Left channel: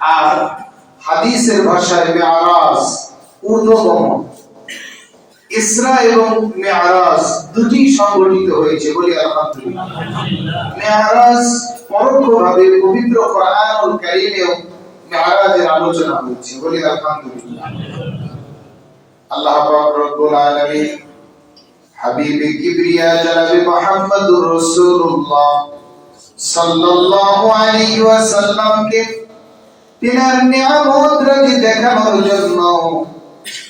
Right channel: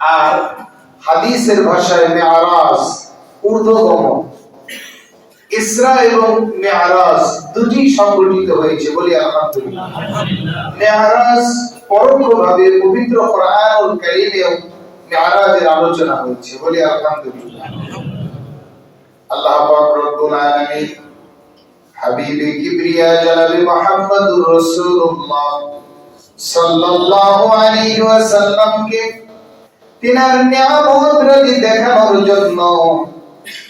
আর হাদিসের ভাষায় মেয়ারাজ ঊর্ধ্বগমন ইসরা এবং মেয়ারাজ দুটি সংগঠিত হয়েছে আলহামদুলিল্লাহ। মেয়ারাজ পরোক্ষভাবে পবিত্র মেয়ারাজের আলোচনা হয়েছে আলহামদুলিল্লাহ। আল্লাহ পাক রব্বুল আলামিন হাবিবে কিবরিয়া জনাবে মুহাম্মদুর রাসূলুল্লাহ সাল্লাল্লাহু আলাইহি ওয়াসাল্লামকে তিনার দেখানোর জন্য,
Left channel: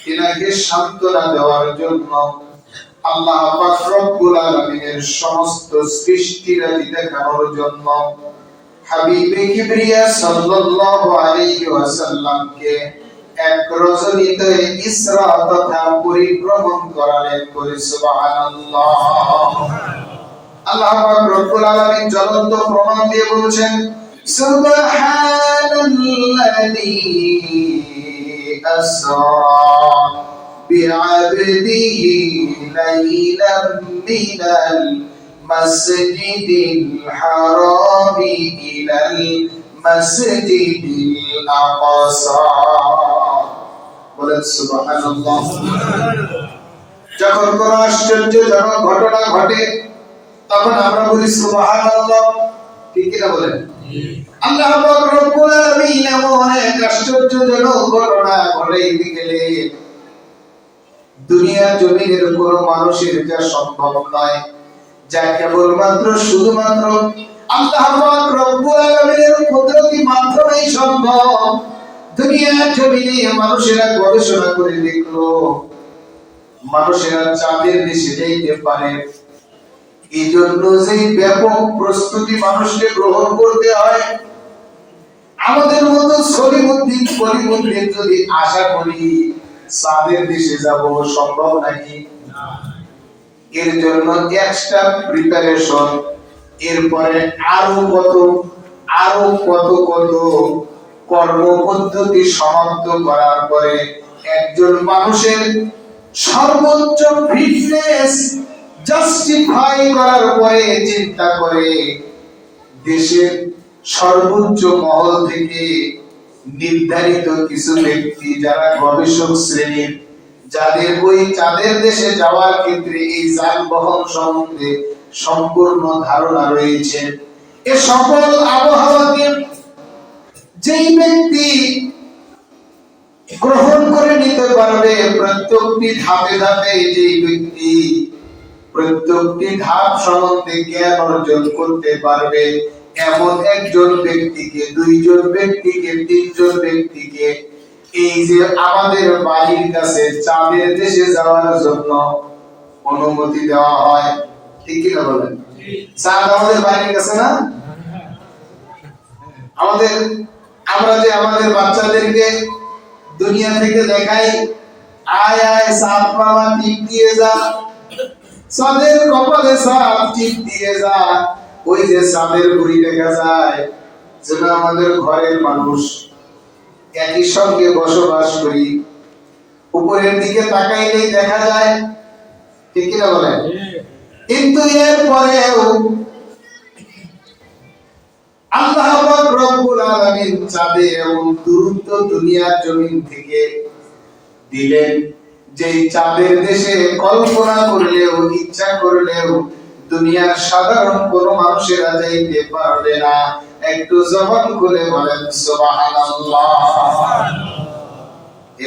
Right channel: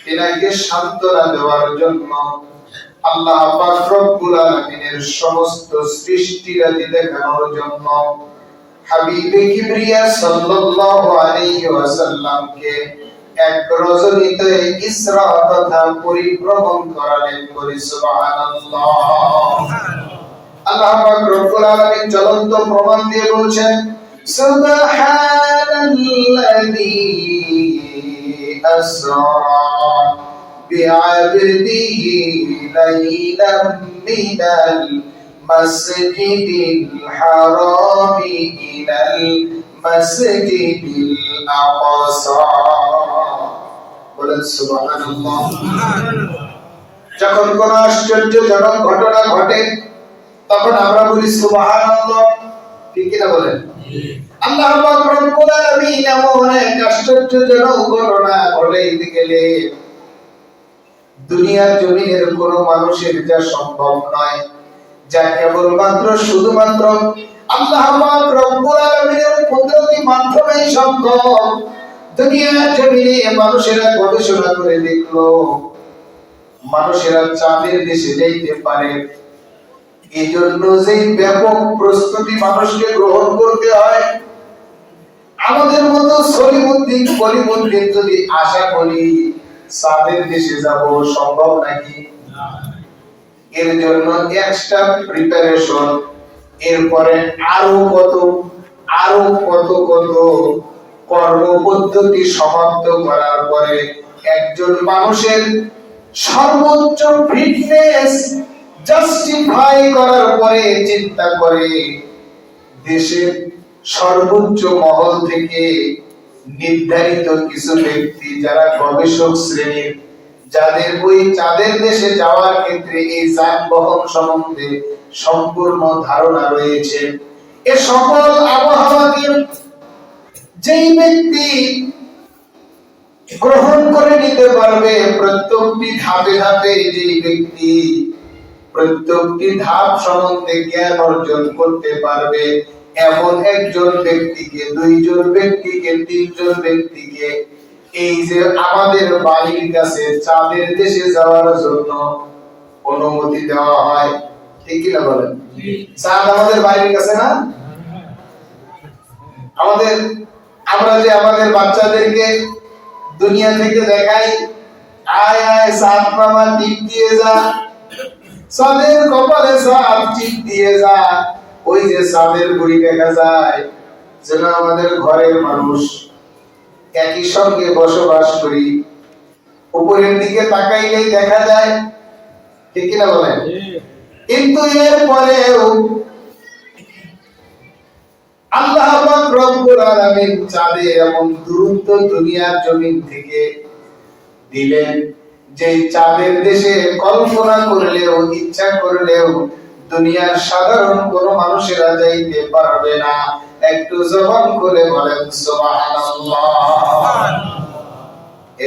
তিনাকে সান্ত্বনা দেওয়ার জন্য আল্লাহ পাক রব্বুল আলামিনের সমস্ত দেখানোর জন্য হাবিবে কিবরিয়া সাল্লাল্লাহু আলাইহি ওয়াসাল্লামকে এক রজনীতে ইসরা তথা পরিভ্রমণ করালেন করে সুবহানাল্লাহ। আল্লাহ পাক রব্বুল আলামিন প্রমাণ দিয়ে বলছেন সুবহানাল্লাযী আসরা বিআবদিহি লাইলাম মিনাল মাসজিদিল হারামি ইলাল মাসজিদিল আকসা বলেন যখন কোন আশ্চর্যজনক ঘটনা ঘটে, তখন আমরা বলি সুবহানাল্লাহ। ঠিক কিনা বলেন? আল্লাহ রব্বুল আলামিন এমন এক আশ্চর্যজনক ঘটনা গেলে দুনিয়ার জমিনের কোন মানুষের যা সম্ভব নয়, যা কেবলমাত্র শুধুমাত্র আল্লাহ রব্বুল আলামিনের কুদরতি মাধ্যমেই সম্ভব। দুনিয়ার জমিনে মানুষেরা গবেষণা করে দেখল, মানুষেরা চাঁদের দেশে যাইতে পারে। এই জন্য যে ব্যাপক প্রস্তুতি মানুষকে গ্রহণ করতে হয় আমাদের মতো সলিমুদ্দিন কলিমুদ্দিন যদি আশা করি চাঁদের দেশে যাব সম্ভব নাকি? এর জন্য এক্সট্রা প্রিপারেশন এরপরে আরও কত আরও কত কত কর্ম পদ্ধতি সমাপ্ত করার পরে একজন মানুষের সর্বোচ্চ ফিটনেস জাস্টিফাই করার পরে চিন্তা করে দেশের সর্বোচ্চ মহল থেকে নির্ধারিত কিছু ব্যক্তি যারা গবেষক শ্রেণির, যাদের ওই চাঁদের দেশে যাওয়ার ক্ষেত্রে এই যানবাহন সম্বন্ধে সম্পূর্ণ ধারণা রয়েছে। এ সকল আবহাওয়াকে যেই ব্যক্তি গ্রহণ করে নিতে পারবে, প্রত্যেকটি ধাপে ধাপে যেই ব্যক্তি প্রত্যেকটি ধাপ সম্বন্ধে জ্ঞান অর্জন করতে পারবে এমন একজন ব্যক্তিকে দুইজন ব্যক্তিকে তিনজন ব্যক্তিকে এই যে আমাদের বাড়ির কাছে চাঁদের দেশে যাওয়ার জন্য অনুমতি দেওয়া হয় ঠিক কিনা বলেন? চাঁদ আমাদের বাড়ির কাছে না? আমাদের আমরা যে আমাদের বাচ্চাদেরকে দুনিয়া থেকে দেখাই আয় আয় সাপ মামা টিপ দিয়ে যা। সাদের কপালে সাপ টিপ দিয়ে যা। ওই যে সাদের গুড়ি দেখা যায় যেন আমাদের ঘরের মানুষ একই সঙ্গে বসবাস করি। উপরের দিকে তাকাইলেই দেখা যায় ঠিক কিনা বলেন? কিন্তু এর পরেও আল্লাহ রব্বুল আলামিন চাঁদে এমন দূরত্ব দুনিয়ার জমিন থেকে দিলেন যে চাঁদের দেশে কল্পনা করলেও ইচ্ছা করলেও দুনিয়ার সাধারণ কোন মানুষেরা যাইতে পারবে না। একটু জবান করে বলেন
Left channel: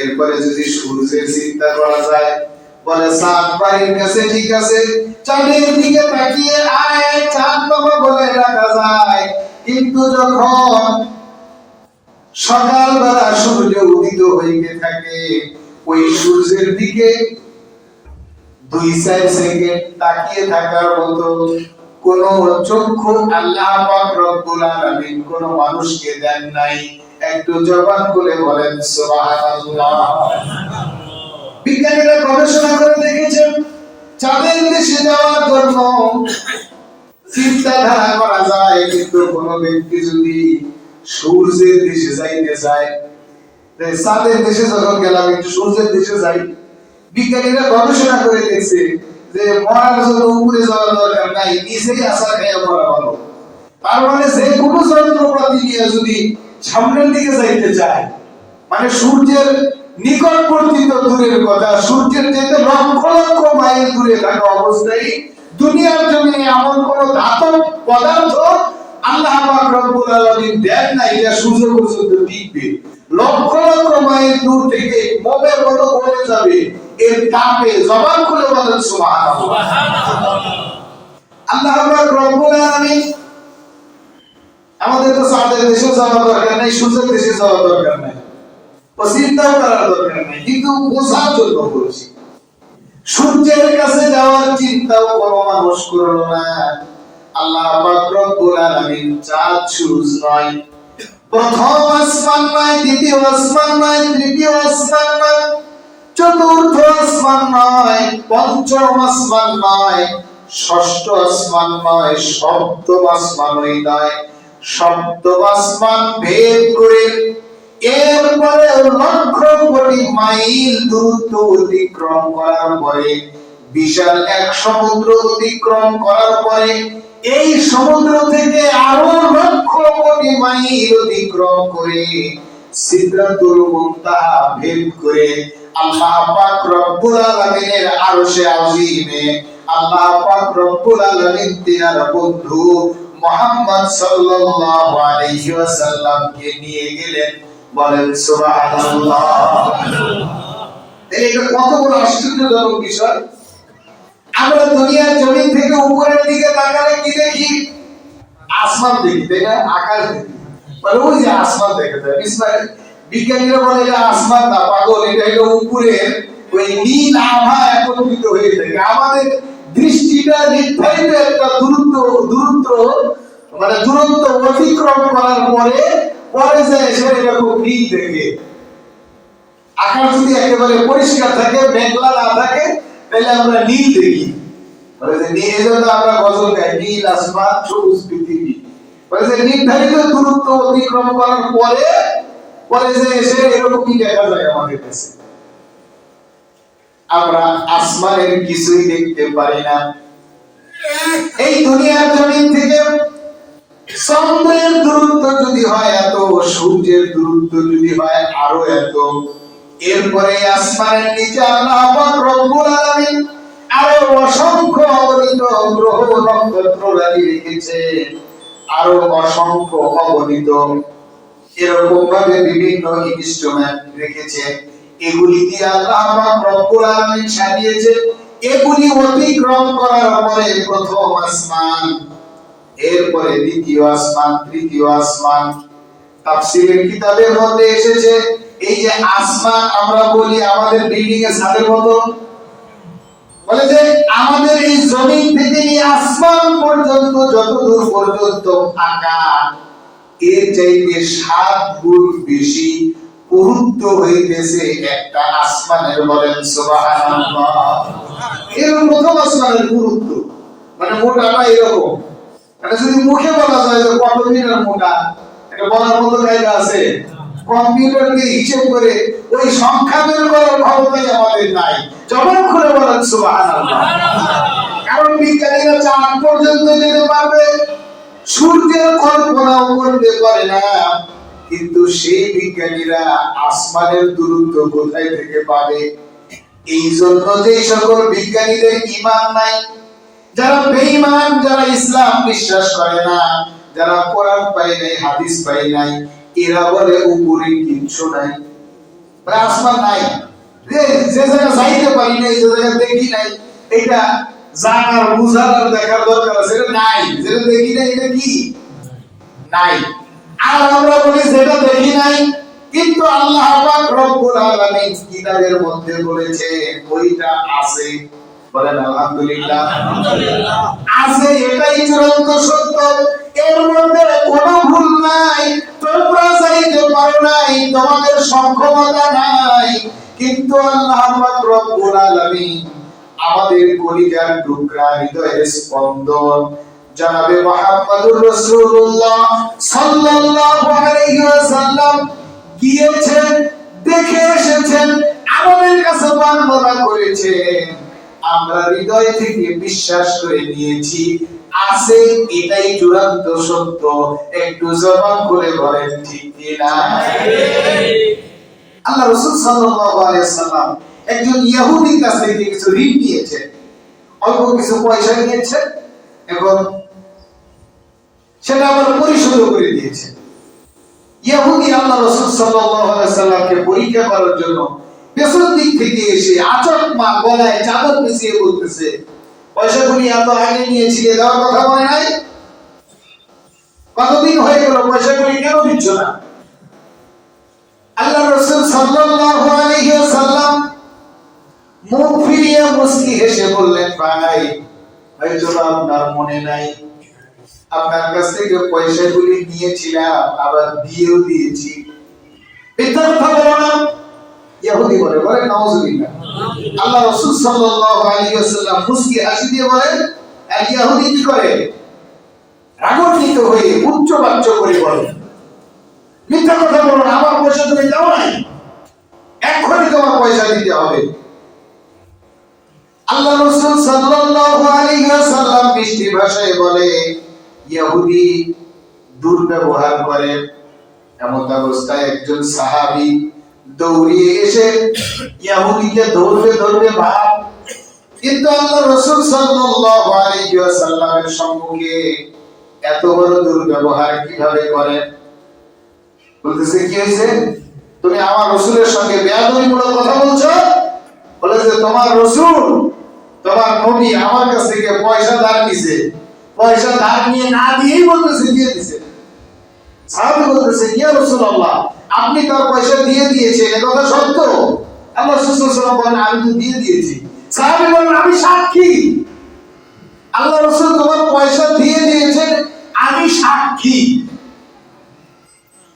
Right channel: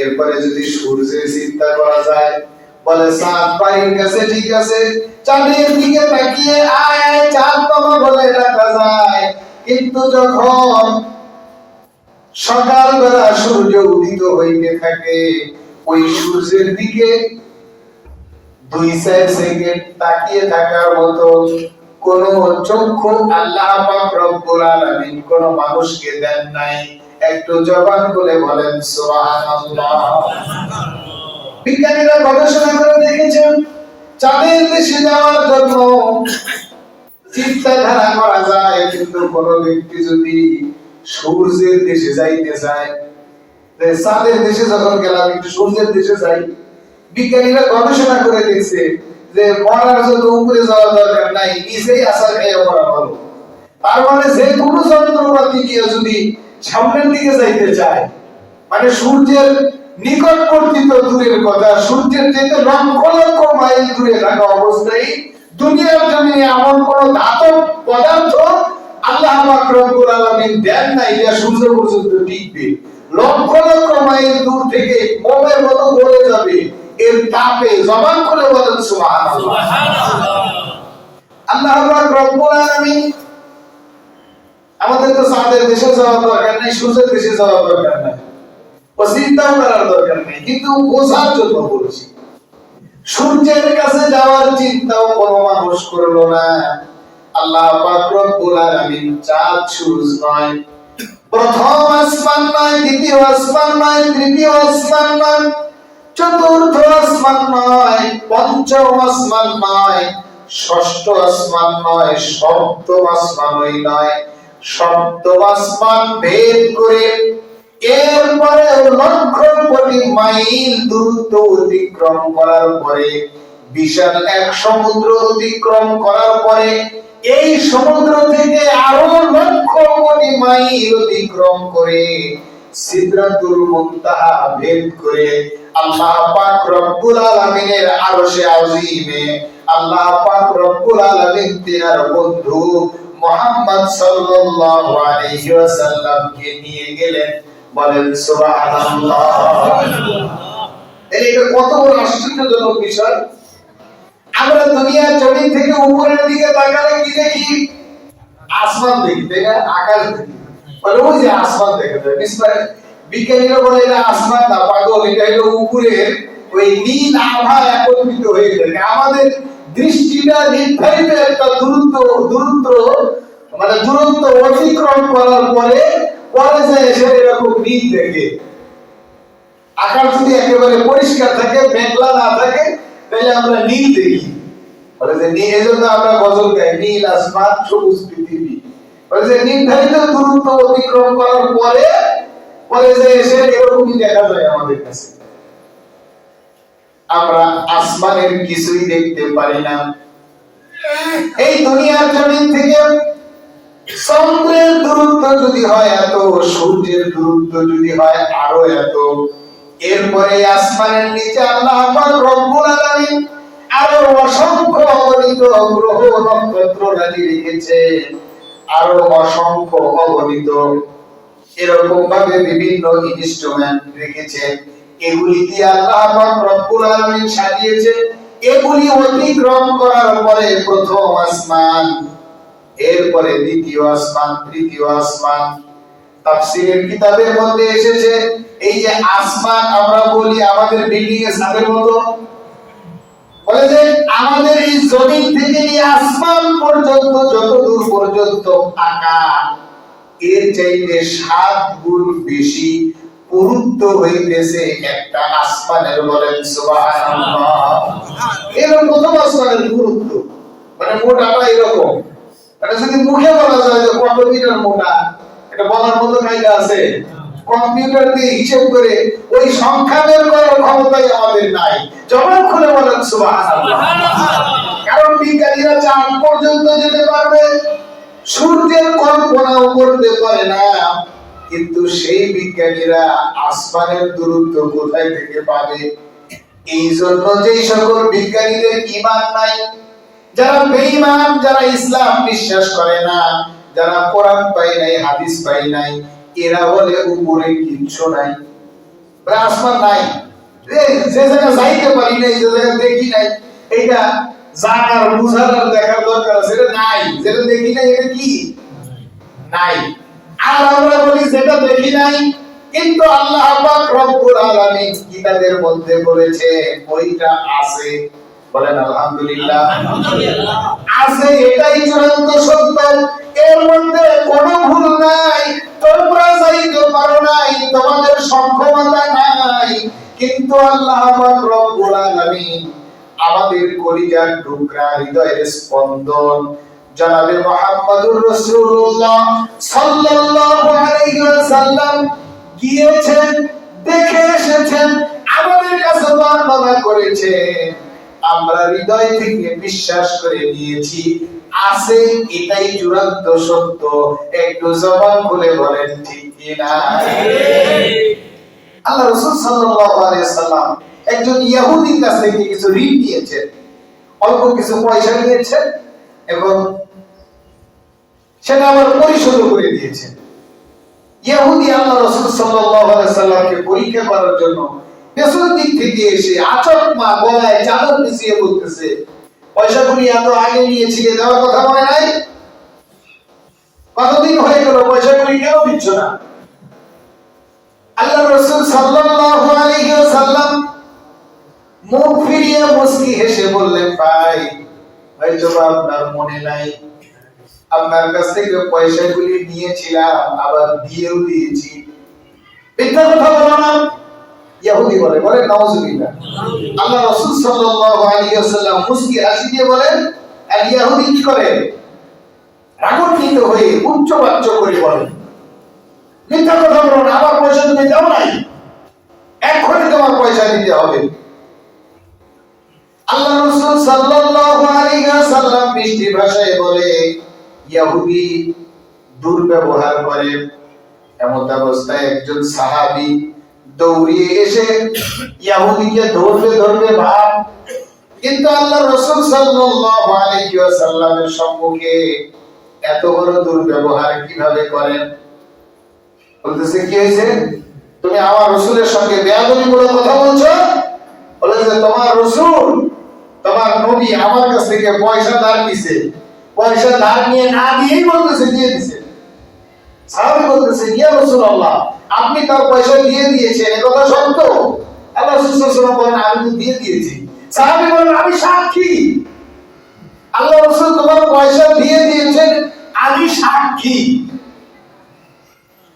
এরপরে যদি সূর্যের চিন্তা করা যায়, বলে চাঁদ বাড়ির কাছে ঠিক আছে, চাঁদের দিকে তাকিয়ে আয়, চাঁদ বাবা বলে ডাকা যায়। কিন্তু যখন সকালবেলা সূর্য উদিত হইতে থাকে, ওই সূর্যের দিকে দুই চার সেকেন্ড তাকিয়ে থাকার মতো কোন চক্ষু আল্লাহ পাক রব্বুল আলামিন কোন মানুষকে দেন নাই। একটু জবান বলেন, সুবহানাল্লাহ। বিজ্ঞানীরা গবেষণা করে দেখেছেন চাঁদের দেশে যাওয়ার জন্য চিন্তাধারা করা যায়, কিন্তু কোন ব্যক্তি যদি সূর্যের দেশে যাইতে চায় চাঁদের দেশে যখন গেলাম, একটু সূর্যের দেশে যাই। বিজ্ঞানীরা গবেষণা করে দেখছে যে মরার জন্য উপরে যাওয়ার দরকার নাই নিচেই আসার খেয়ে মরা ভালো। তার মানে যে কোনো যন্ত্রপাতি দিয়ে যদি সামনের দিকে যাইতে চায় মানে সূর্যের নিকটবর্তী তো দূরের কথা, সূর্যের যেতে লক্ষ লক্ষ মাইল দূরে থাকা অবস্থায় দুনিয়ার জমিনে এমন কোন ধাতব পদার্থ আল্লাহ রব্বুল আলামিন দেন না, এটা সূর্য পর্যন্ত টিকবে। লক্ষ লক্ষ মাইল দূর থেকে মোমের মতো গলে যাবে। এর তাপে জবান করে বলেন সুবহানাল্লাহ। আল্লাহ পাক রব্বুল আলামিন আমাদের তো চাঁদের দেশে যাওয়ার দরকার নাই সূর্যের দেশে যাওয়ার দরকার নাই ও চিন্তাও করার দরকার নাই কিন্তু বোঝার জন্য বলছি সূর্যের কাছে যাওয়ার চিন্তাও কোনো মানুষ করল না। আল্লাহ পাক রব্বুল আলামিন চাঁদ সূর্য নয় প্রথম আসমান নয় দ্বিতীয় আসমান নয় তৃতীয় আসমান নয় চতুর্থ আসমান নয় পঞ্চম আসমান নয় ষষ্ঠ আসমান নয় সপ্তম আসমানই নয়। সপ্তম আসমান ভেদ করে এরপরে লক্ষ কোটি মাইল দূরত্ব অতিক্রম করার পরে, বিশাল এক সমুদ্র অতিক্রম করার পরে, এই সমুদ্র থেকে আরও লক্ষ কোটি মাইল অতিক্রম করে মুনতাহা ভেদ করে আল্লাহ পাক রব্বুল আলামিনের আরশে আযীমে আল্লাহ পাক রব্বুল আলামিন তিনার বন্ধু মুহাম্মদ সাল্লাল্লাহু আলাইহি ওয়াসাল্লামকে নিয়ে গেলেন। বলেন, সুবহানাল্লাহ। এটা কত বড় আশ্চর্যজনক বিষয়। আমরা দুনিয়ার জমিন থেকে উপরের দিকে তাকালে কি দেখি? আসমান দেখি, তাই না? আকাশ দেখি। বলে, ওই যে আসমান দেখে যায় বিজ্ঞানীরা বলে এটা আসমান না পাগল, এটা হলো উপরের ওই নীল আভা একত্রিত হয়ে থাকে। আমাদের দৃষ্টিটা নির্ধারিত একটা দূরত্ব দূরত্ব মানে দূরত্ব অতিক্রম করার পরে পরে যে এসে এরকম নীল দেখে। আকাশ যদি একেবারে পরিষ্কার থাকে, মেঘলা না থাকে, তাহলে আমরা নীল দেখি। বলে যে নীল এজন্য আমরা গজল গাই, নীল আসমান, সবুজ পৃথিবী। বলে যে নির্ধারিত দূরত্ব অতিক্রম করার পরে যে এসে এরকমই দেখা যায় আমাদের কাছে? আমরা আসমানের কিছুই দেখতে পারি না। এই দুনিয়ার জমিন থেকে চন্দ্রের দূরত্ব যদি হয় এত, সূর্যের দূরত্ব যদি হয় আরও এত, এরপরে আসমানের নিচে আল্লাহ পাক রব্বুল আলামিন আরও অসংখ্য অগণিত গ্রহ নক্ষত্র রেখেছে আরও অসংখ্য অগণিত এরকম ভাবে বিভিন্ন ইনস্ট্রুমেন্ট রেখেছে। এগুলি দিয়ে আল্লাহ পাক রব্বুল আলামিন সাজিয়েছে এগুলি অতিক্রম করার পরে প্রথম আসমান, এরপরে দ্বিতীয় আসমান, তৃতীয় আসমান। তাফসীরের কিতাবের মধ্যে এসেছে, এই যে আসমান আমরা বলি আমাদের বিল্ডিং এর ছাদের মতো। বলে যে আমাদের এই জমিন থেকে নিয়ে আসমান পর্যন্ত যত দূর পর্যন্ত ফাঁকা এর চাইতে সাত গুণ বেশি পুরুত্ব হইতেছে একটা আসমানের বলেন সুবহানাল্লাহ। এর প্রথম আসমানের পুরুত্ব মানে মোটাটা এরকম। মানে যদি মুখে বলা যায় যে কত মিটার মোটা এটা বলার মতো কায়দা আছে। কম্পিউটার দিয়ে হিসেব করে ওই সংখ্যা বের করার ক্ষমতাই আমাদের নাই। যখন খুলে বলেন সুবহানাল্লাহ। কারণ বিজ্ঞানীরা চাঁদ পর্যন্ত যেতে পারবে সূর্যের কল্পনাও করতে পারে না। কিন্তু সেই বিজ্ঞানীরা আসমানের দূরত্ব কোথায় থেকে পাবে? এই জন্য যে সকল বিজ্ঞানীদের ইমান নাই, যারা বেঈমান, যারা ইসলাম বিশ্বাস করে না, যারা কোরআন পায় নাই, হাদিস পায় নাই, এরা বলে উপরে কিচ্ছু নাই। আসমান নাই। যে জায়গা যাইতে পারি নাই, যে জায়গা দেখি নাই, এটা জানার বুঝার আর দেখার দরকার আছে। এটা নাই। যেটা দেখি নাই এটা কি? নাই। আর আমরা বলি যেটা দেখি নাই কিন্তু আল্লাহ পাক রব্বুল আলামিন কিতাবের মধ্যে বলেছে ওইটা আছে। বলেন আলহামদুলিল্লাহ। আছে এটাই চূড়ান্ত সত্য। এর মধ্যে কোনো ভুল নাই। তোমরা চাইতে পারো নাই তোমাদের সক্ষমতা নাই। কিন্তু আল্লাহ পাক রব্বুল আলামিন আমাদের কলিজার টুকরা হৃদয়ের স্পন্দন। জনাবে মুহাম্মদুর রাসূলুল্লাহ সাল্লাল্লাহু আলাইহি ওয়াসাল্লাম গিয়েছেন দেখে এসেছেন আমাদের কাছে বর্ণনা করেছেন। আমরা হৃদয় থেকে বিশ্বাস করে নিয়েছি আছে এটাই চূড়ান্ত সত্য। একটু জবান খুলে বলেন ঠিক কি না আল্লাহ রাসূল সাল্লাল্লাহু আলাইহি সাল্লাম একজন ইহুদির কাছ থেকে কিছু ঋণ নিয়েছেন। অল্প কিছু পয়সা নিয়েছেন এবং সেটা আবার পরিশোধ করে দিয়েছেন। ইহুদি আল্লাহ রাসূল সাল্লামকে পরীক্ষা করার জন্য পেছন দিক থেকে এসে আচক মা গলায় চাদর পিছিয়ে বলতেছে, পয়সাগুলি এত আগে নিয়েছিলে দেওয়ার কথা মনে নাই? কতদিন হয়ে গেল পয়সাগুলি কেন দিচ্ছ না? আল্লাহ রাসূল সাল্লাল্লাহু আলাইহি ওয়াসাল্লাম মুখ ফিরিয়ে মুস্কি হেসে বললেন, ভাই, হয়তো আপনার মনে নাই। আপনার কাছ থেকে পয়সাগুলি নিয়েছিলাম, আবার দিয়েও দিয়েছি। উচ্চ বাচ্চ করে বলে। মিথ্যা পয়সা তুমি দাও নাই। এক্ষুনি তোমার পয়সা দিতে হবে। আল্লাহ রাসূল সাল্লাল্লাহু আলাইহি ওয়াসাল্লাম মিষ্টি ভাষায় বলে দুর্ব্যবহার করে এমন অবস্থায় একজন সাহাবী দৌড়িয়ে এসে ভাব, কিন্তু আল্লাহ রাসূল সাল্লাল্লাহু আলাইহি ওয়াসাল্লামের সম্মুখে এত বড় দুর্ব্যবহার কীভাবে করেন? বলতেছে, কি হয়েছে? তুমি আমার রসুলের সঙ্গে বেয়াদবিমূলক কথা বলছো? বলেছে তোমার রসুল তোমার নবী আমার কাছ থেকে পয়সা ধার নিছে। পয়সা ধার নিয়ে না দিয়েই বলতেছে, দিয়ে দিছে। সাহাবী বলতেছে, ইয়া রাসূলুল্লাহ, আপনি তার পয়সা দিয়ে দিয়েছেন, এ সত্য? আল্লাহ ওয়াসাল্লাম বলেন, আমি তো দিয়ে দিয়েছি। সাহাবী বলেন, আমি সাক্ষী। আল্লাহ রাসূল তোমার পয়সা দিয়ে দিয়েছেন, আমি সাক্ষী।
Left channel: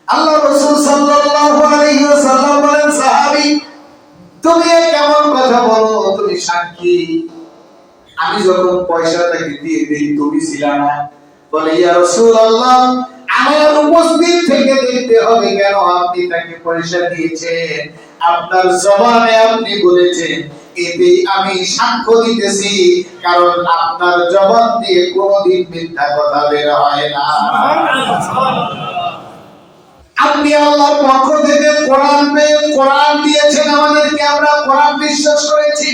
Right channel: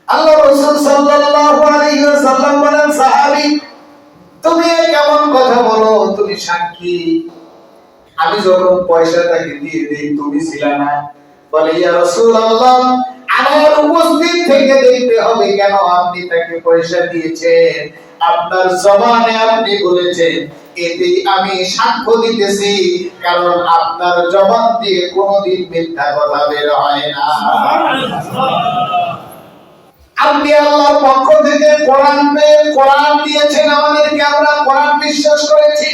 আল্লাহ রাসূল সাল্লাল্লাহু আলাইহি ওয়াসাল্লাম বলেন, সাহাবী, তুমি কেমন কথা বলো? তুমি সাক্ষী? আমি যখন পয়সা দিয়ে দেই, তুমি ছিলা না। বলে, ইয়া রাসূলুল্লাহ, আমার উপস্থিত থেকে দেখতে হবে কেন আপনি তাকে পয়সা দিয়েছেন? আপনার জবানে আপনি বলেছেন, এতেই আমি সাক্ষ্য দিতেছি, কারণ আপনার জবান দিয়ে কোনোদিন মিথ্যা কথা বের হয় না। আপনি আল্লাহর পক্ষ থেকে কোরআন পেয়ে কোরআন দিয়েছেন আমাদেরকে, আমরা কোরআন বিশ্বাস করেছি।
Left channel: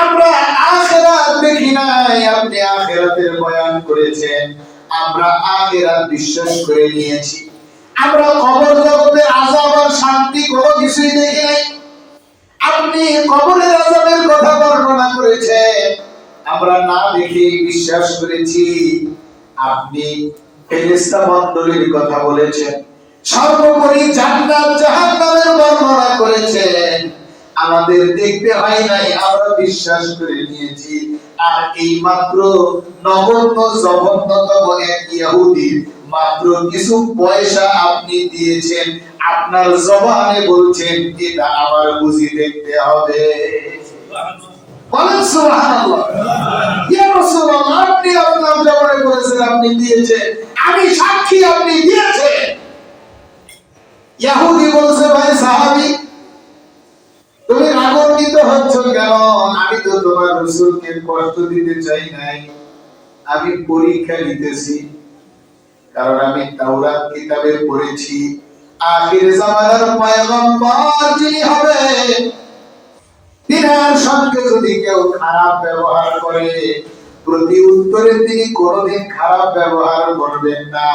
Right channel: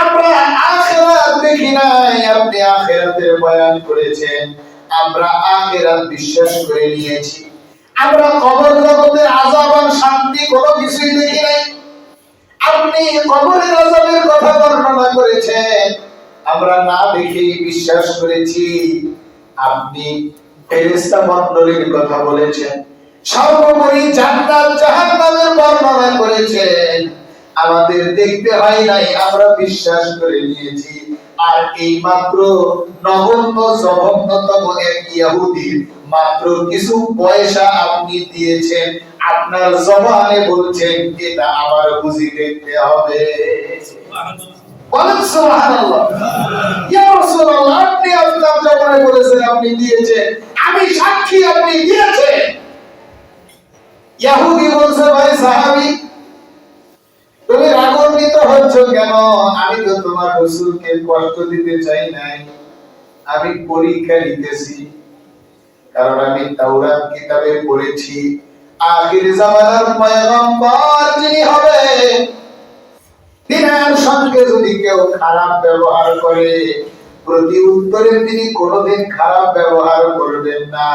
আমরা আখেরাত দেখি নাই, আপনি আখেরাতের বয়ান করেছেন। আমরা আখেরাত বিশ্বাস করে নিয়েছি। আমরা কবর জগতের আযাব আর শান্তি কোনো কিছুই দেখি নাই। আপনি কবরের আযাবের কথা বর্ণনা করেছেন। আমরা না দেখেই বিশ্বাস করেছি। আপনি ফেরেশতা মণ্ডলীর কথা বলেছেন। সর্বোপরি জান্নাত জাহান্নামের বর্ণনা করেছেন। আমাদের দেখতে হয় নাই, আমরা বিশ্বাস করে নিয়েছি। আর এই মাত্র নগণ্য জঘন্যতম এক ইহুদির মাত্র কিছু পয়সা আপনি দিয়েছেন, আপনার জবানে বলছেন, এটা আমার বুঝি দেখতে হবে। আমি সাক্ষী আপনি দিয়েছেন। ইহুদি বলছে, ভাই সাহাবী তুমি রাগান্বিত হচ্ছ কেন? আমি তো তোমার রসুলকে কষ্ট দিতে চাই নাই। আমি পরীক্ষা নিতেছি, কারণ আমি তাওরাত কিতাবে পড়েছি। আখির জামানার পয়গম্বর যিনি হবে তিনার সঙ্গে যদি কেউ খারাপ ব্যবহার করে, প্রতি উত্তরে তিনি কোনোদিন খারাপ ব্যবহার করবেন না।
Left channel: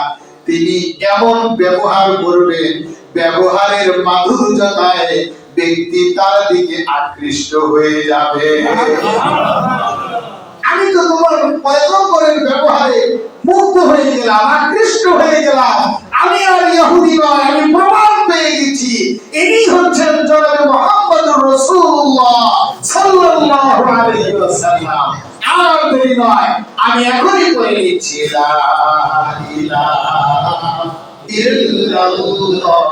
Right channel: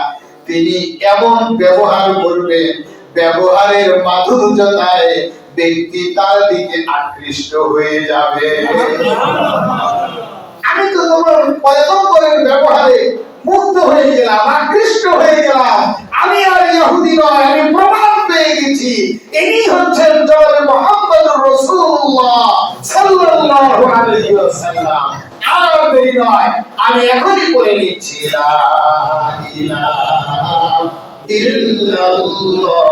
তিনি এমন ব্যবহার করবেন, ব্যবহারের মাধুর্যতায় ব্যক্তি তার দিকে আকৃষ্ট হয়ে যাবে। আমি তো তোমার পয়গম্বরের ব্যবহারে মুগ্ধ হয়ে গেলাম, আকৃষ্ট হয়ে গেলাম। আমি আর ইহুদি নয়, আমি প্রমাণ পেয়ে গেছি। ইনি হচ্ছেন সাল্লাল্লাহু আলাইহি ওয়াসাল্লাম। আর দেরি নয়, আমি এখনই নিচ্ছি, লা ইলাহা ইল্লাল্লাহু।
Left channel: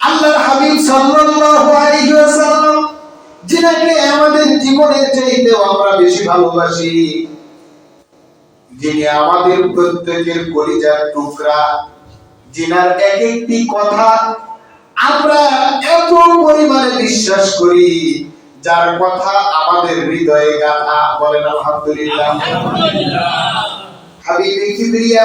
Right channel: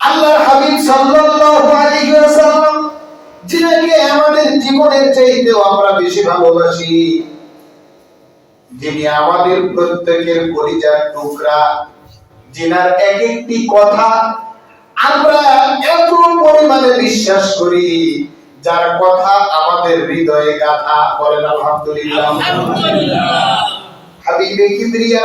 আল্লাহর হাবিব সাল্লাল্লাহু আলাইহি ওয়াসাল্লাম যিনাকে আমাদের জীবনের চাইতেও আমরা বেশি ভালোবাসি যিনি আমাদের প্রত্যেকের কলিজার টুকরা যিনার এক একটি কথা আমরা এত পরিমাণে বিশ্বাস করি যার কথা আমাদের হৃদয়ে গাথা বলেন আলহামদুলিল্লাহ। হাবিবে কিবরিয়া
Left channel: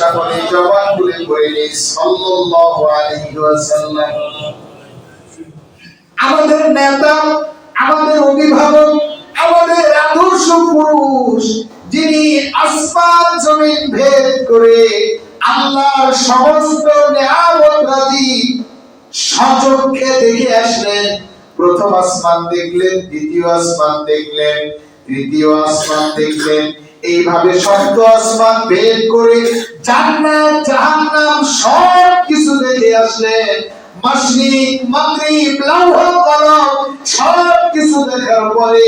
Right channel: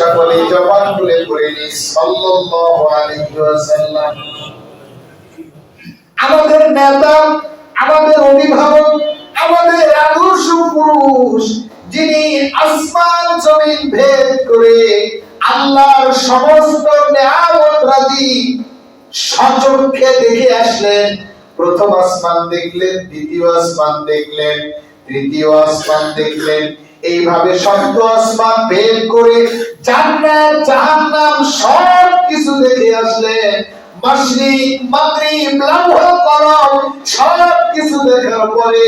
সকলে জবান খুলে করে নি, সাল্লাল্লাহু আলাইহি ওয়াসাল্লাম। আমাদের নেতা, আমাদের অভিভাবক, আমাদের আদর্শ পুরুষ, যিনি আসমান জমিন ভেদ করে আল্লাহর সমস্ত নিয়ামত রাজি সচক্ষে দেখে আসলেন। প্রথম আসমান দেখলেন, দ্বিতীয় আসমান দেখলেন, তৃতীয় আসমান দেখলেন এইভাবে সপ্ত আসমান ভেদ করে জান্নাত, জাহান্নাম সব কিছু দেখে লৌহ কলম সব কিছু দেখার পরে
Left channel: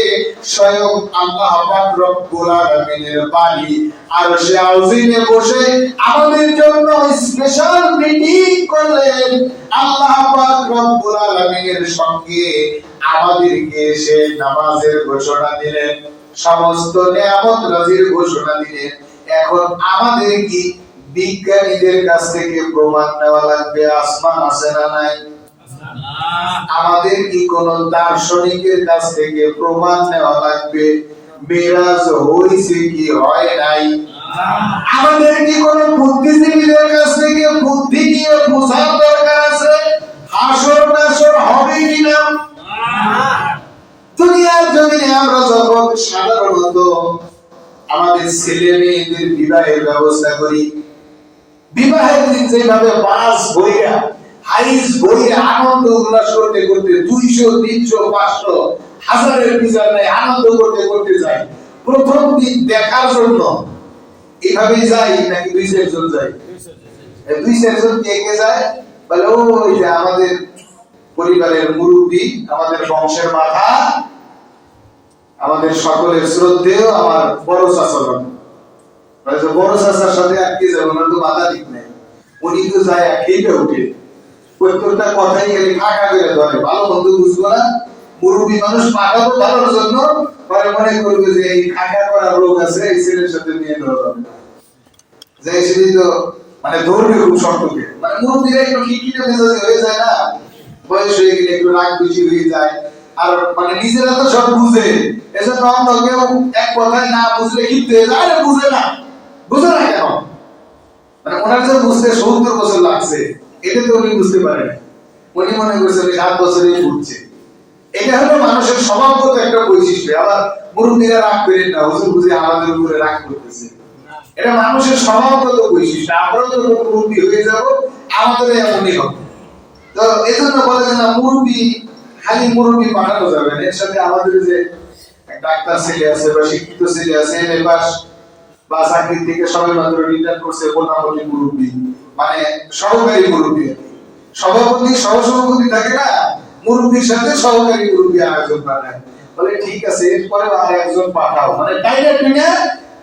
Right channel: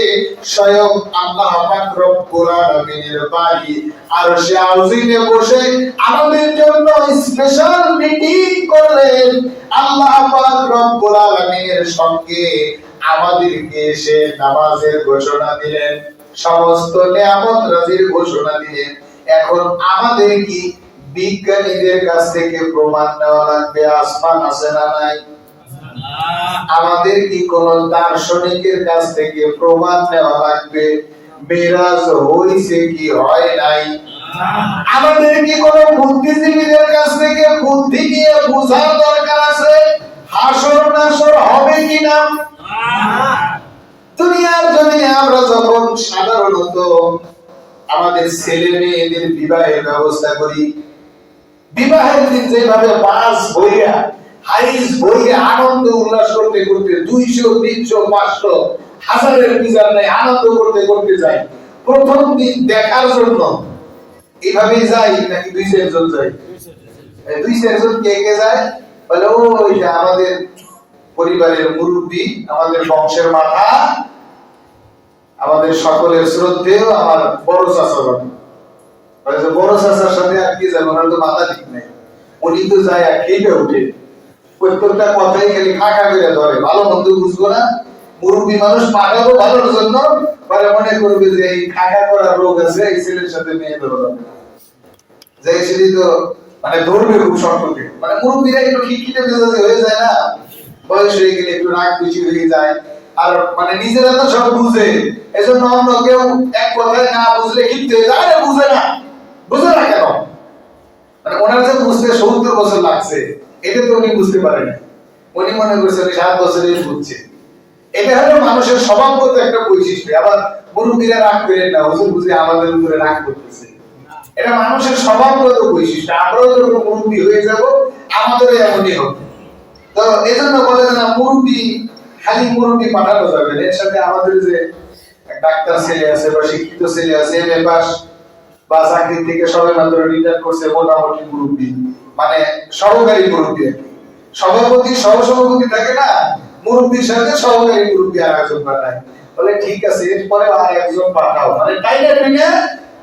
স্বয়ং আল্লাহ পাক রব্বুল আলামিনের বাড়ি আর সে আউজিনে বসে আমাদের জন্য স্পেশাল মিটিং করলেন। আল্লাহ পাক রব্বুল আলামিনের সঙ্গে আমাদেরকে এসে নামাজের ঘোষণা দিলেন। সমস্ত নিয়ামত রাজির ঘোষণা দিলেন এখন আমাদের কি বিজ্ঞানীদের কাছ থেকে প্রমাণ নেওয়া লাগবে? আসমান আছে না নাই? আমাদের কি কোন দার্শনিকের কাছ থেকে প্রমাণ নেওয়া লাগবে? মেরাজ হইছে কি হয় নাই? আমাদের কি কোন বুদ্ধিজীবীদের কাছ থেকে বুদ্ধি নিয়ে বোঝার দরকার আছে? হাসর নাসর হবে কিনা? দুনিয়ার জমিনে আমরা যখন সাধারণত আমাদের ছেলে মেয়েদের বিবাহের ব্যবস্থা করি বিবাহের দিন যেভাবে বাস বইরা হাইস বইরা আনন্দ উল্লাস করতে করতে দুইশো তিনশো পাঁচশো হাজারের বিচার নেই আনন্দ করতে করতে যাই। প্রথম দিন দেখার জন্য এইভাবেই যাই নাকি দুই চারজন যাই? দুই চারজন কে কে যায়? বলে ওই যে আমাদের পরিবারের মুরব্বী, আমাদের বংশের মাথা, আমাদের সকলের শ্রদ্ধেয় আমার বড় বাবা। বড় চাচার সাথে আর কি যাব? না তো মাথা ঠিক নেই। উনি তো যায় খেপে উঠে প্রত্যেকটা কথাই খালি কাকা করে ধরে। ভালো বন্ধু বুঝব না। মুরব্বী মানুষ পাঠাবো ভালোর জন্য। পরে মনে করবে যে এই কাকা করার রোগ আছে, এই ছেলের সাথে মেয়ে দেওয়া যাবে যে ছেলে তো মানে ধরবে খুব শক্তকে মানে মুরব্বীরা একটু খিটখিটে মেজাজি হয়ে যায় না। বয়স হয়ে গেলে একটু রাগ বেশি হয়ে যায়। আর মানে নিজেরা তো সব বুঝে। এজন্য কেউ এক কথায় না বুঝলে হয়ে যায়। বুঝে না। বুঝে না কেন? মানে ওনার যে বুঝতে সত্তর বছর লাগছে, এটা তো উনি বুঝতে উনি মনে সাত বছরেই বুঝছে। এটা হলো মানুষের স্বভাবগত একটা বৈশিষ্ট্য। আবার মুরব্বীরা রাগ করেন না, হুজুর বুঝে আমাদের উপরে রাগ করতেছে। এটা মানুষের স্বভাবগত বৈশিষ্ট্য। আমরাও তো হয়ে যাব আমাদের এমনই হবে। তো এই জন্য বলে যে না, মুরব্বী, খালি মুরব্বী পাঠানো যাবে না। এর সাথে আমাদের যে ডাক্তার ছেলে আছে বা শিক্ষিত ছেলে আছে, এম পাস, বা চাকরির থেকে সবে মাত্র রিটার্ন করছে, মোটামুটি মুরব্বী। মানে সহকারী মুরব্বী সভাপতি, সহসভাপতি থাকে না, মুরব্বীর সাথে সহকারী মুরব্বী আর একজন পাঠায়। বলে, ঠিক আছে এরপরে আর একজন পাঠাও। মানে টাইলে টুনে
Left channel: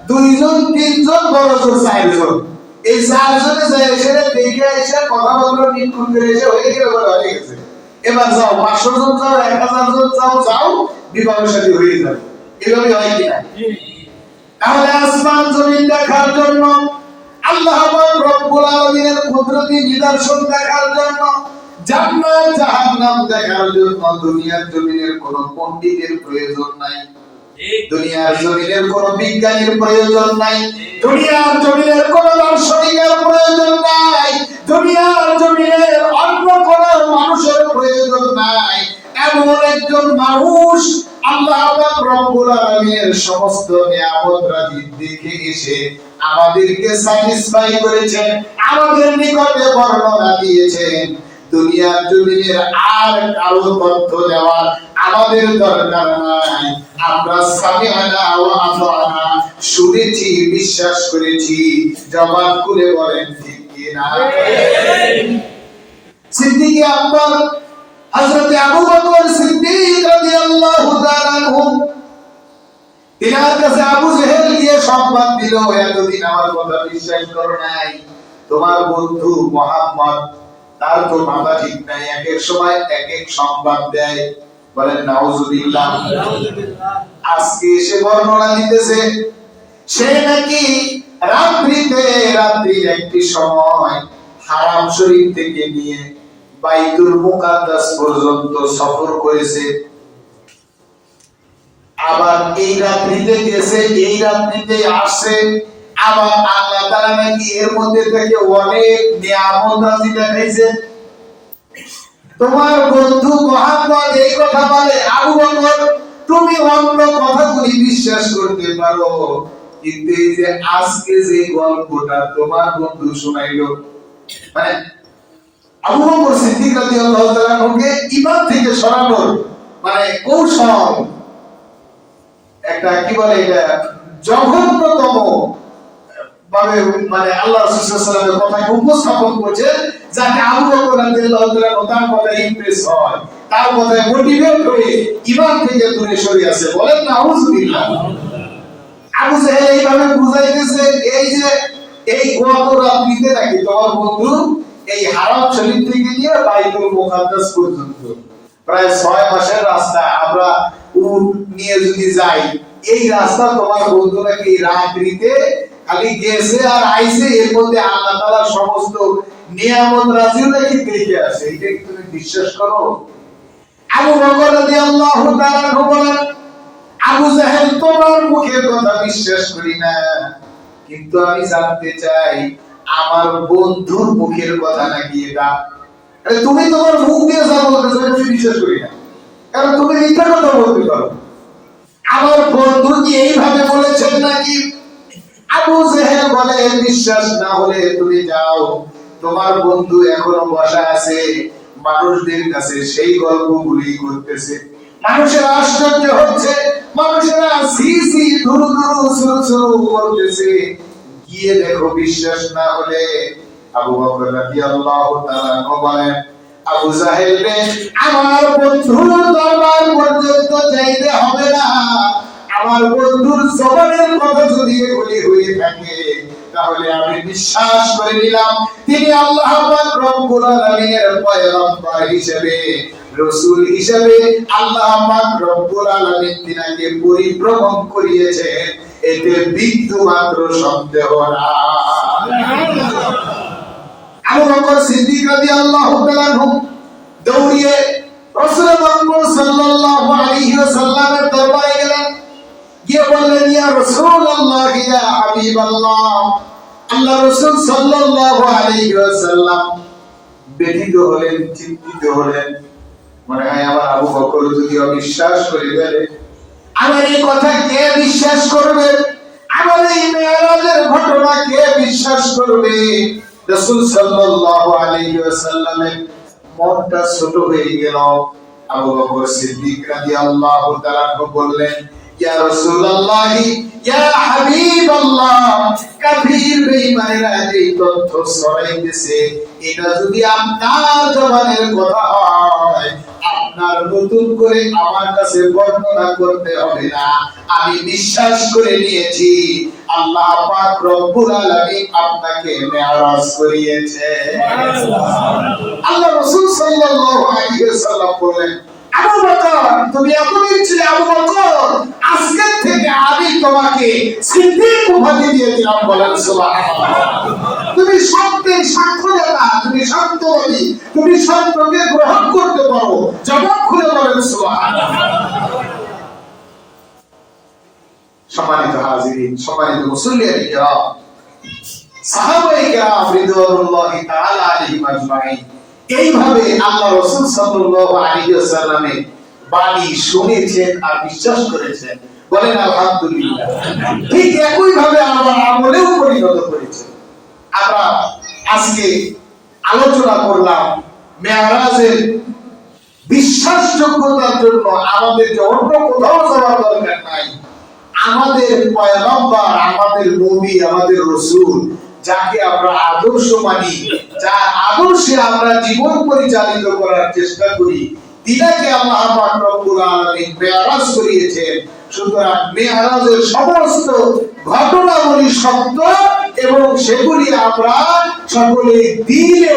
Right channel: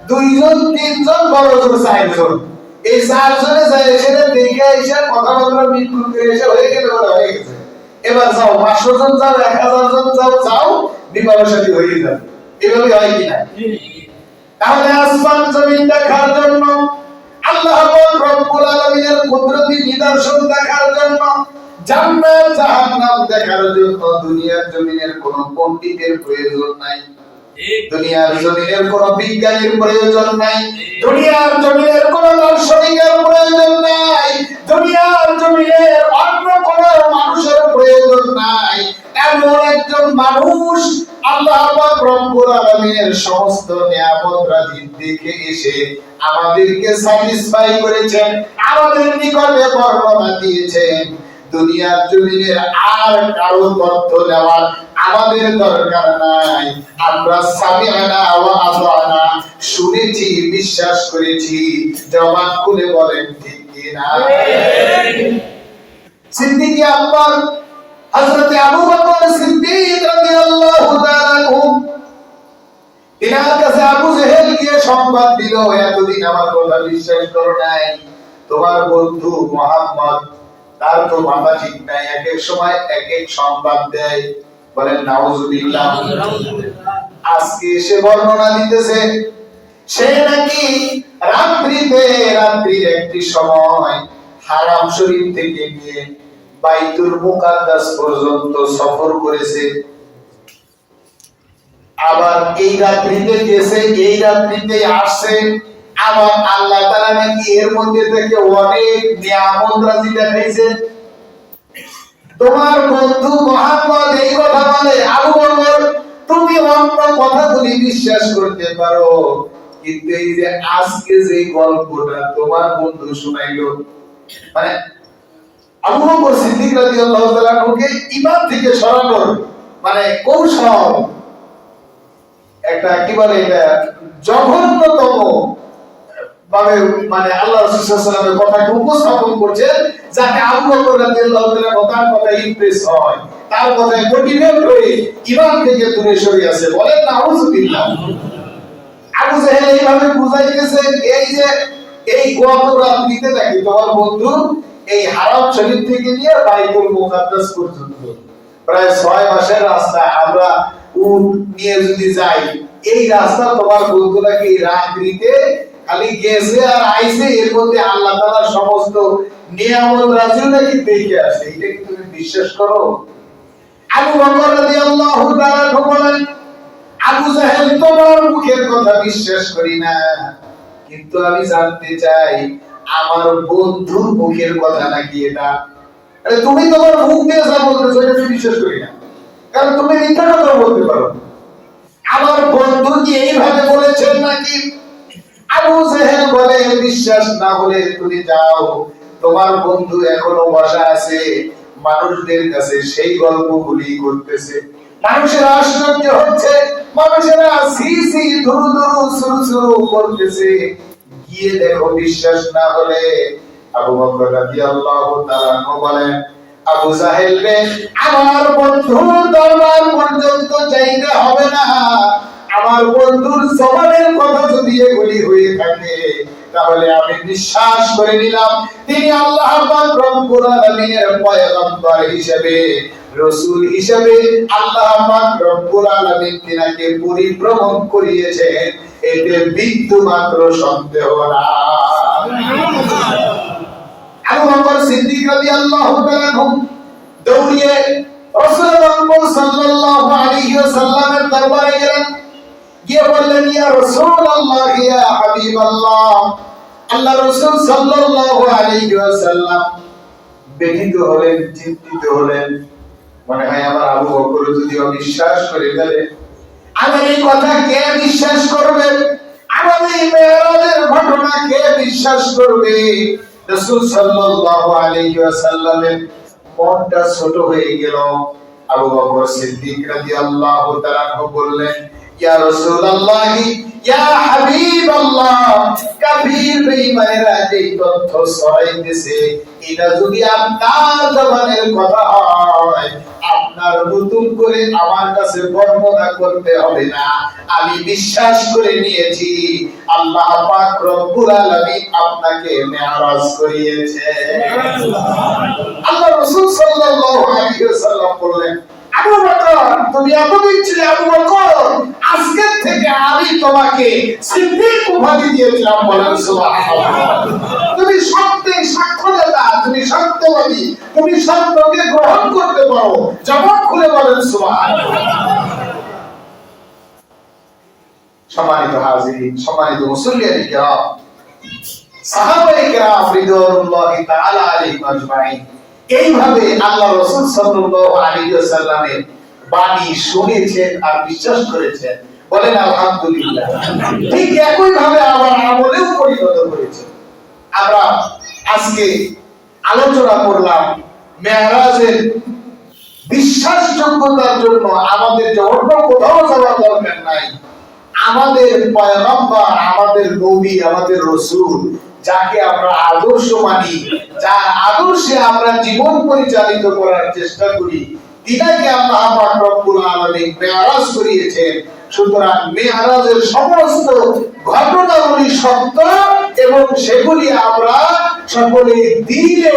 দুইজন, তিনজন বড় জোর চারজন। এই চারজনে যায় দেখে এসে কথাবার্তা করে এসে হয়ে গেলে বলে, হয়ে গেছে। এবার যাও, পাঁচশো জন যাও, এক হাজার জন যাও যাও হয়ে যাবে এভাবে হয় কিনা তাহলে আসমান জমিন দেখার জন্য, আল্লাহ রব্বুল কুদরতি নিদর্শন দেখার জন্য, জান্নাত জাহান্নাম দেখার জন্য দুনিয়ার জমিনের কোনো পণ্ডিতের প্রয়োজন নাই। দুনিয়ার জমিনের কোনো বিজ্ঞানীর প্রয়োজন নাই। দুনিয়ার জমিনের কোনো দার্শনিকের প্রয়োজন নাই। দুনিয়ার জমিনের অন্য কোনো মানুষের প্রয়োজন নাই। এমন একজন মানুষ আল্লাহ পাক রব্বুল আলামিনের সমস্ত নিয়ামত রাজি দেখে এসে আমাদেরকে স্যাটিসফাই করেছেন আমাদের নিকটে বর্ণনা দিয়েছেন। দুনিয়ার জমিনের আর কারও তথ্য দেওয়ার আমাদের দরকার নাই। আমরা সামিআনা ওয়া আতানা শুনেছি, বিশ্বাস করেছি জবান খুলে বলেন, ঠিক কিনা সিদ্দিক আকবর, হযরত আবু বকর সিদ্দিক রাদিয়াল্লাহু তাআলা তিনার কাছে আবু জেহেল গিয়ে সংবাদ দিল, এতদিন আমার কথা বিশ্বাস করো নাই। তোমার বন্ধু মোহাম্মদ, তার তো মাথা ঠিক নাই, এক এক সময় এক এক সংবাদ দেয়। বলেন, নাউজুবিল্লাহ। আজকে এসে বর্ণনা দিতেছে, সে নাকি রাত্রিতে রাত্রির একটি সময় হারাম শরীফ থেকে নিয়ে বাইতুল মুকাদ্দাস পর্যন্ত সফর করেছে। আবার এই রাত্রিতে গেছে, এই রাত্রিতে আসছে। আবার আল্লাহ তাআলা নাকি এর মধ্যে থেকে অনেক নিয়ামত রাজি দেখাইছে। তোমার বন্ধু মোহাম্মদ এই কথা বলে, আবু বকর, তুমি অন্য কথাগুলি বিশ্বাস করতে পারো। কিন্তু এই যে আজকে যে গল্পটা তোমার বন্ধু শোনাইলো মানে আবু বকর সিদ্দিক রাদিয়াল্লাহু তাআলা কে ঈমান থেকে সরানোর মানে কৌশল, একটা কি বলে এটা, জঘন্যতম ভাবে মানে আল্লাহ রাসূল সাল্লাল্লাহু আলাইহি কথাকে উপস্থাপন করছে যাতে আবু বকর রাদিয়াল্লাহু তাআলা কথা ইমপ্রেস হয়। তার কথায় মোটিভেট হয়ে ঈমান থেকে দূরে সরে আসে। বলেন আবু জাহেল এইভাবে বুঝাইতেছে, এই যে, এই নাকি তোমার বন্ধু এই হারাম থেকে নিয়ে বাইতুল মুকাদ্দাস পর্যন্ত। প্রায় ছয় মাসের রাস্তা আমরা উট নিয়ে যদি যাই, এই রাস্তা তোমার বন্ধু নাকি রাত্রিতে খালি গেছে আর আইছে, এর মধ্যে আল্লাহ তাআলা সমস্ত নিয়ামত রাজিও নাকি দেখে আসে, এটা কি তুমি বিশ্বাস করো? আবু বকর রাদিয়াল্লাহু তাআলা বলেন, আবু জাহেল তোমার মুখের কথা বিশ্বাস করি না, কিন্তু আমি জানতে চাই আমার বন্ধুর মুখের কথা নাকি এটা? আরে তুমি তোমার মুখ দিয়ে যা বলতেছো আমি বিশ্বাস করি না। কারণ তুমি মিথ্যা কথা বলতে পারো। আমার বন্ধু কি এইভাবে বলেছেন নাকি? আবু জেহেল বলে, বিশ্বাস না হলে তুমি যাও তোমার বন্ধু এখনও বসা আছে, মানুষদের কাছে সেই গল্পগুলি করতেছে। মানুষের আশ্চর্য হচ্ছে, মানুষেরা সি সি ধুরু ধুরু সুরু সুরু করতেছে। গিয়ে দেখো বিশ্বাস না হলে আবু বকর রাদিয়াল্লাহু তাআলা বলেন, আবু জাহেল রে আমার বন্ধুর দরবার পর্যন্ত যাইতে হবে না। আমার বন্ধুর জবানের কথা যদি এগুলি হয়ে থাকে তাহলে আমি বিশ্বাস করে নিলাম, তিনি আল্লাহ পাক রব্বুল আলামিনের পয়গম্বর হিসেবে, রসূল হিসেবে আল্লাহ পাক রব্বুল আলামিন তিনাকে পরিভ্রমণ এতে বিন্দু মাত্র সন্দেহ নাই। আবু বকর সিদ্দিক রাদিয়াল্লাহু তাআলা দৌড়িয়ে রাসূলুল্লাহ সাল্লাল্লাহু আলাইহি ওয়াসাল্লামের দরবারে গেলেন। গিয়ে বললেন, ইয়া রাসূলুল্লাহ, ইয়া হাবিবাল্লাহ। আল্লাহ রাসূল সাল্লাল্লাহু আলাইহি ওয়াসাল্লাম ব্যথিত হলেন, চিন্তিত হলেন। মনে হয় আমার আবু বকর যদি অবিশ্বাস করে ফেলে, আমার এই কথা কে বিশ্বাস করবে? আমার এই মেরাজের ঘটনা কে বিশ্বাস করবে? রাসূল সাল্লাল্লাহু আলাইহি ওয়াসাল্লামের মনটা ছোট হয়ে গেল। আবু বকর সিদ্দিক রাদিয়াল্লাহু তাআলা বললেন ইয়া রাসূলুল্লাহ ইয়া হাবিবাল্লাহ কাফির বেঈমানেরা যে তথ্য ছড়াইতেছে এটা যদি আপনার জবানের কথা হয় আপনার নতুন করে আমার কাছে বর্ণনা করতে হবে না। আমি বিশ্বাস করে নিয়েছি আল্লাহ পাক রব্বুল আলামিন আপনাকে মেরাজ করিয়েছে আল্লাহ রাসূল সাল্লাল্লাহু আলাইহি ওয়াসাল্লাম বললেন আবু বকর, তুমি এতদিন ছিলে আবু বকর, আজকে থেকে আমি তোমাকে সিদ্দিক উপাধি দিয়ে দিলাম বলেন তুমি সত্যের সাক্ষ্যদাতা, তুমি সত্যবাদী, তুমি সত্যকে গ্রহণ করতে পারো, জবাব খুলে বলেন সম্মানিত হাজিরিন, সম্মানিত মুসল্লিয়ান কিরাম সাহাবায়ে কিরাম রিদওয়ানুল্লাহি তাআলা আলাইহিম আজমাইন। এইভাবে আল্লাহ রাসূল সাল্লাল্লাহু আলাইহি ওয়াসাল্লামের বাণী শুনেছেন আর বিশ্বাস করেছেন। বলেন, আলহামদুলিল্লাহ। ঠিক একই ভাবে আবার আমলেও পরিণত করেছেন আমরা আজকে আলোচনা করলাম মেয়ারাজের বিশ্বাসযোগ্যতার জন্য আমাদের যে অন্য কোথাও যাওয়ার দরকার নাই। আমাদের পয়গম্বর, আমাদের নবী, আমাদের রসুল যাকে আমরা আদর্শ মানি যা আদর্শে আমরা জীবন পরিচালিত করার চেষ্টা করি তিনাকে পাক রব্বুল আলামিন মেয়ারাজ করিয়েছেন। সুতরাং মেয়ারাজের সমস্ত ঘটনাগুলি সত্য এবং সেগুলি আমরা সকলে দিলে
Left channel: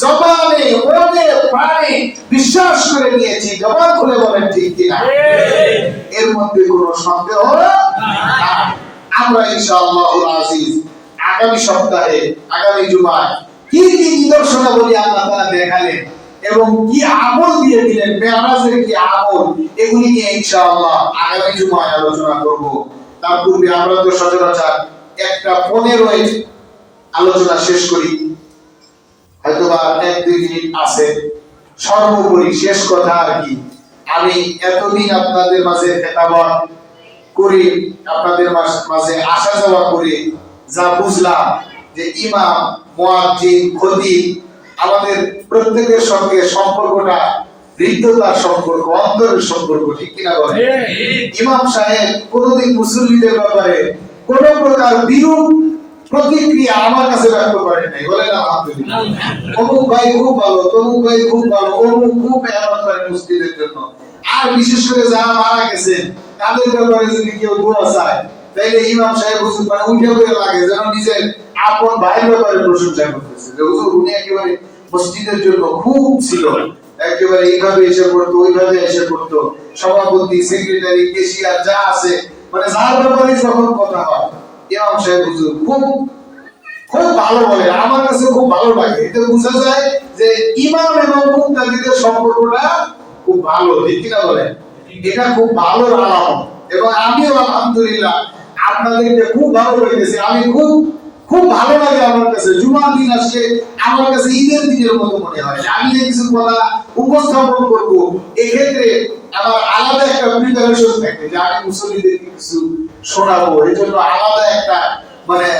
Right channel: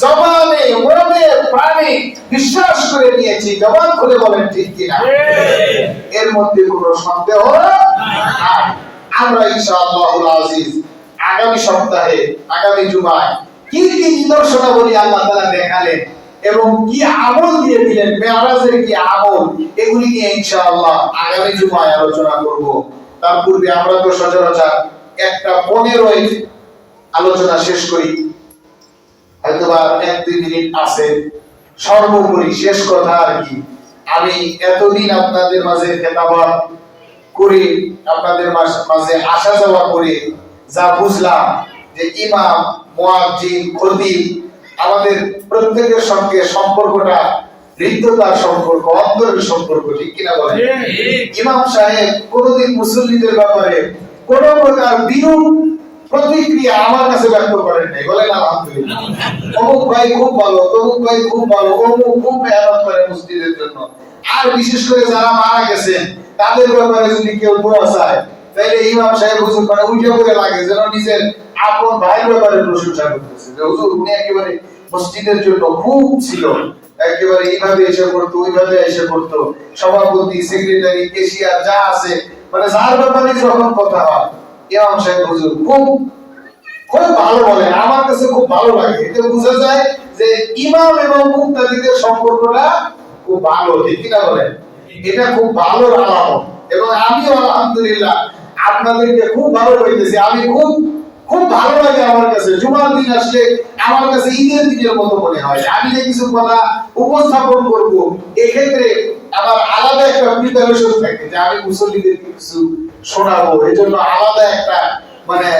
জবানে মনে প্রাণে বিশ্বাস করে নিয়েছি। জবান খুলে বলেন ঠিক কিনা? এর মধ্যে কোনো সন্দেহ নাই। আমরা ইনশাআল্লাহ আজিজ আগামী সপ্তাহে, আগামী জুমায়। কি কি নিদর্শনাবলী আল্লাহ তাআলা দেখালেন এবং কি আমল দিয়ে দিলেন মেরাজের কি আমল, এগুলি নিয়ে ইনশাআল্লাহ আগামী জুমায় আলোচনা করব। তার পূর্বে আমরা তো সচরাচর একটা পনেরোই আলোচনা শেষ করি। হয়তোবা এক দুই মিনিট আছে। সর্বোপরি শেষ কথা আর কি। আমি এতদিন আপনাদের মাঝে খেতাবা করে, আপনাদের মাঝে আসা যাওয়া করে। যা বুঝলাম যে ইমাম মুয়াজ্জিন খতিব আমাদের প্রত্যেকের সঙ্গে সম্পর্কটা হৃদ্যতার সম্পর্ক অন্তরের সম্পর্ক ঠিক কিনা বলেন? ইমাম সাহেব কোনদিন মুসল্লিদের ব্যাপারে কোন প্রকার বিরূপ প্রতিক্রিয়া আমার কাছে ব্যক্ত করেন নাই। বলেন আলহামদুলিল্লাহ। অমুক ভাই খুব ভালো তমুক ভাই খুব ভালো অমুক খুব মেহনত করে মসজিদের জন্য। আর বিশেষ করে যারা মারা গেছেন তাদের ব্যাপারে যদি কেউ দোয়া চায় তাইলে ইমাম সাহেব হুজুর মানে উঠে পড়ে লাগে যেন নিজের আপন ভাইয়ের ব্যাপারে প্রশংসা করতেছে। যে হুজুর, উনি একেবারে মসজিদের জন্য খুব ছিল। একেবারে এইভাবে এসে পড়তো, ওইভাবে এসে পড়তো। সভাপতি, সেক্রেটারি, কেশিয়ার, যা আছে। মানে যার ব্যাপারে যখন কথা হয়, ইমাম সাহেব হুজুর খুব খুব ভালো বলে। আমার কাছে খুব ভালো লাগে। এটা বোঝা যায় যে ইমাম এবং মুক্তাদিদের সম্পর্কটা খুব ভালো। ঠিক কিনা বলেন? এটা খুব ভালো আলামত। এবং আমিও আলহামদুলিল্লাহ আপনাদেরকে খুব ভালো পাইতেছি আমি খুব খুব ভালো লাগে আমার কাছে। জুমার দিন আসলে আমার কাছে ঈদের দিনের মতো মনে হয়। আমি যে কিছু কথা উপস্থাপন করব, এক্ষেত্রে আমার আলাদা একটা প্রিপারেশন থাকে যে আমি মুসল্লিদেরকে কিছু শোনাবো। এই জন্য আলাদা একটা মানে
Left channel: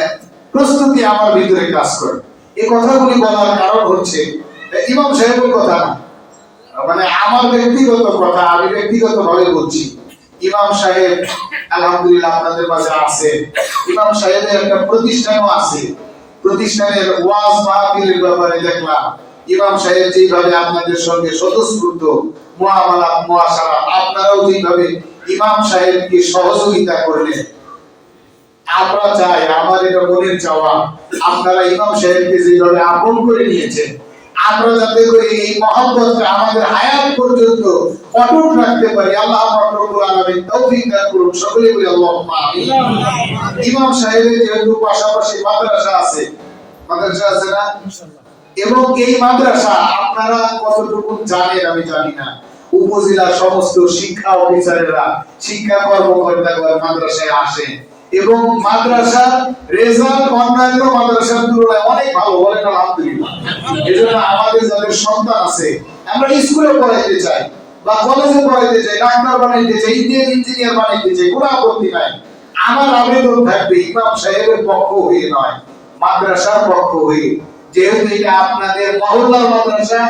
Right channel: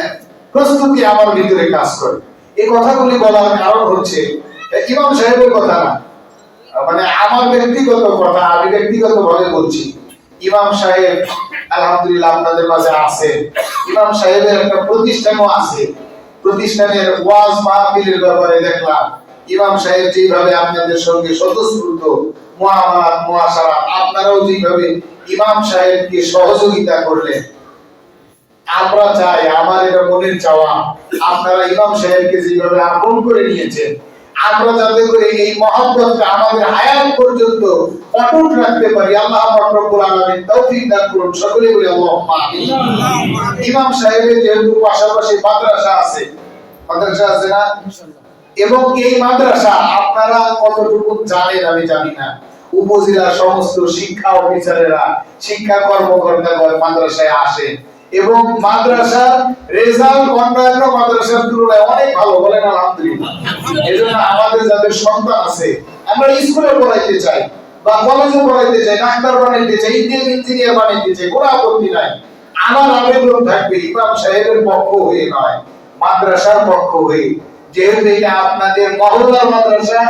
প্রস্তুতি আমার ভিতরে কাজ করে। এই কথাগুলি বলার কারণ হচ্ছে, ইমাম সাহেবের কথা না মানে আমার ব্যক্তিগত কথা, আমি ব্যক্তিগত ভাবে বলছি। ইমাম সাহেব, আলহামদুলিল্লাহ আপনাদের মাঝে আছে। ইমাম সাহেবের একটা প্রতিষ্ঠানও আছে। প্রতিষ্ঠানের ওয়াজ মাহফিলের ব্যাপারে দেখলাম। ইমাম সাহেব যেভাবে আপনাদের সঙ্গে স্বতঃস্ফূর্ত মুআমালাত মুআশারা আপনারাও যেভাবে ইমাম সাহেবকে সহযোগিতা করলেন, আমরা চাই, আমার এটা মনের চাওয়া, আপনারা ইমাম সাহেবকে যেভাবে আপন করে নিয়েছেন আমরা যাতে করে এই মহব্বতটা আমাদের হায়াত পর্যন্ত অটুট রাখতে পারি আল্লাহ পাক রব্বুল আলামিন তৌফিক দান করুন। সকলে বলি আল্লাহুম্মা আমিন। ইমাম সাহেবের যেহেতু পাশাপাশি মাদ্রাসা আছে মাদ্রাসা আছে না? এবং এই মাদ্রাসা আপনারা কতটুকু জানেন আমি জানি না। উপজেলার সমস্ত শিক্ষা অফিসারেরা শিক্ষা কর্মকর্তাগণ মাদ্রাসায় আসেন। এবং মাদ্রাসার রেজাল্ট অন্যান্য মাদ্রাসার তুলনায় অনেক ভালো বলেন আলহামদুলিল্লাহ। এজন্য আমাদের যাদের সন্তান আছে, আমরা স্কুলে পড়াইতে চাই, বা কলেজে পড়াইতে চাই, ডাক্তার বানাইতে চাই ইঞ্জিনিয়ার ইঞ্জিনিয়ার বানাইতে চাই, কোনো আপত্তি নাই। আমার আবেদন থাকবে, ইমাম সাহেবের পক্ষ হয়ে নয়, মাদ্রাসার পক্ষ হয়ে। যেহেতু এটা আপনাদের মহল্লার মাদ্রাসা,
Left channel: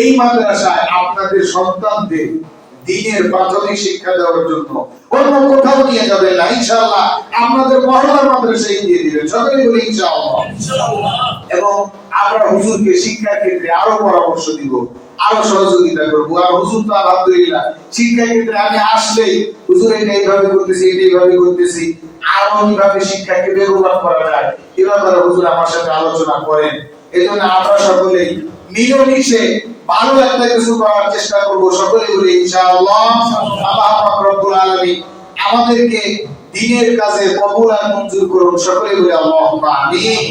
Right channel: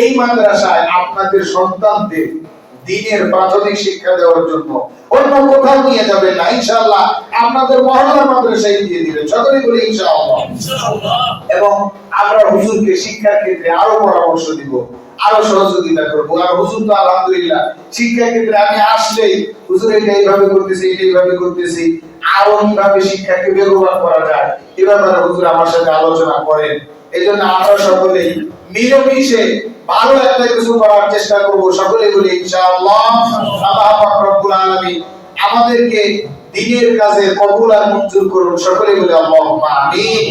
এই মাদ্রাসায় আপনাদের সন্তানদের দিনের প্রাথমিক শিক্ষা দেওয়ার জন্য। অন্য কোথাও নিয়ে যাবেন না ইনশাআল্লাহ। আপনাদের মহল্লার মাদ্রাসায় দিয়ে দিবেন সকলে বলি ইনশাআল্লাহ। এবং আমরা হুজুরকে শিক্ষার ক্ষেত্রে আরও পরামর্শ দিব আরও সহযোগিতা করব। আর হুজুর তো আলহামদুলিল্লাহ শিক্ষা ক্ষেত্রে আমি আসলেই হুজুর এটা এইভাবে করতেছি এটা এইভাবে করতেছি। আরও কীভাবে শিক্ষাকে বেগবান করা যায় এ ব্যাপারে হুজুর আমার সাথে আলোচনা করেন। এই জন্য আমরা সকলেই মিলেমিশে ভালো একটা কিছু করার চেষ্টা করব সকলে বলি, ইনশাআল্লাহ আমাদেরকে দিনের কাজে কবুল আর মঞ্জুর করুন। সকলে বলি, আল্লাহুম্মা আমিন।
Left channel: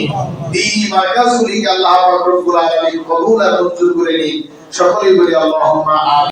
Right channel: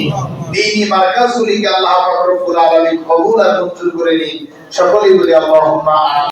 দ্বীনি মার্কাজগুলিকে আল্লাহ পাক রব্বুল আলামিন কবুল আর মঞ্জুর করে নিন। সকলে বলি, আল্লাহুম্মা আমিন।